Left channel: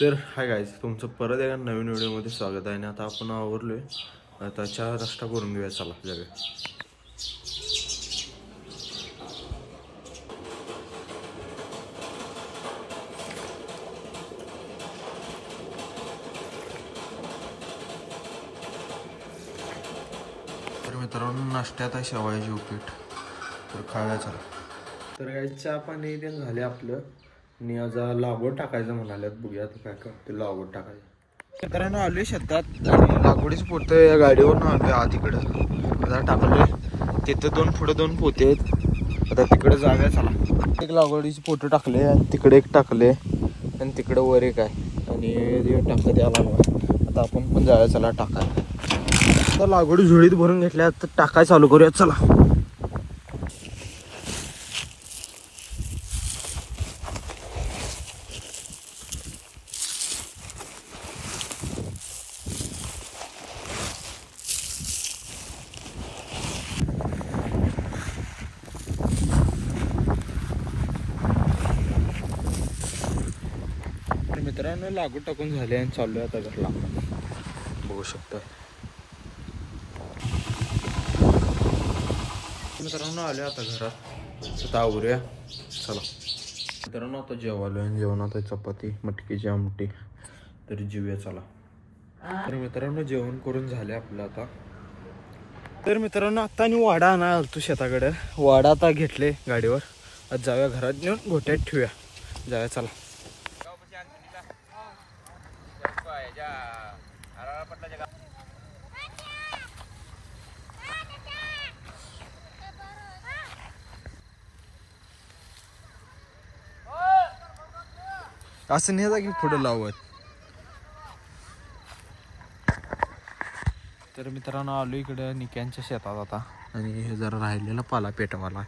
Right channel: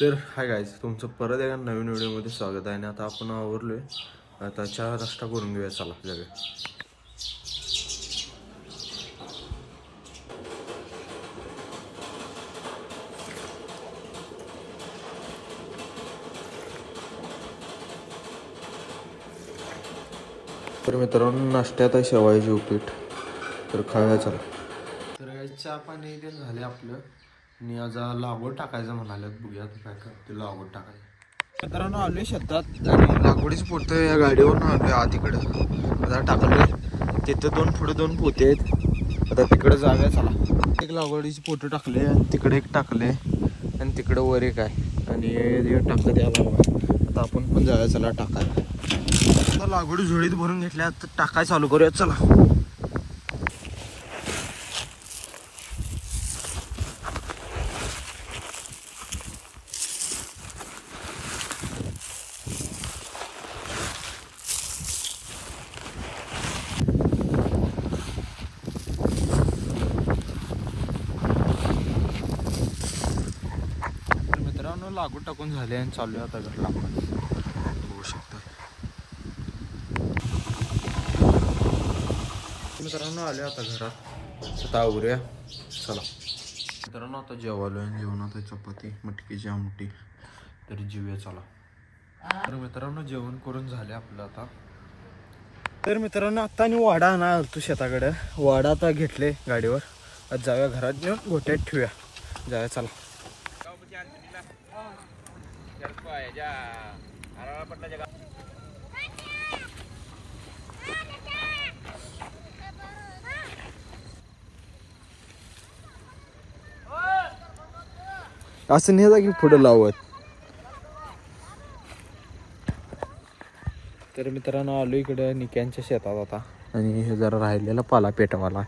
तर hi guys, तुमचं परत एका नवीन व्हिडिओमध्ये स्वागत आहे. आणि आता आपण आवरलोय, आता चहा नाश्ता करून घेऊया. चला जाऊया. तर मित्रांनो, नाश्त्यात आहे शेवाळ्याची उपीट, तर खाऊया चला. तर गाईज चहा पाणी ते झाले आपलं, आणि आज लागवड टाकायचं म्हणाल्यात. बघूया काय करते लागवड टाकायचं. मित्रांनो आले शेतात, लागवडीच पोतं या गाडीवरून आलोय आधीकडं. आता टाकले तिथं दोन पुढे दोन पोते आहेत. आता तिकडे जाऊया चला. एक लागवडीची पोतं टाकले आणि तिकडे एक टाकले आणि तिकडे वर एक आहे आणि टाकत याला. आता आपण पण जाऊया चला टाकाय. आता लागवडी झुळीत भरून घेतल्या, तर टाकाय चालू करूया चला. मित्रांनो लागवड टाकून झाले आणि चाललोय आता घरला. बघू शकता मित्रांनो, आले आता घरात. आता आवरूया चला. मित्रांनो आता जेवालोय आणि जेवणात चपाती मटकीची आमटी, तरी जेवूया चला. तर मित्रांनो जेवण करून झाले आपलं आता. तर मित्रांनो आता आणि वाडा आणा आलतो शेताकडे. वाडा आता घेतले गाडीवर. आज जाऊया घरात नेऊन गोट्यात ठेवूया. जाऊया चला. असं नाही की पुढं लावत. तर मित्रांनो आलो इकडे निक्यांच्या शेतात आता, आणि हे जरा राहिलेला पाला पेटवाला.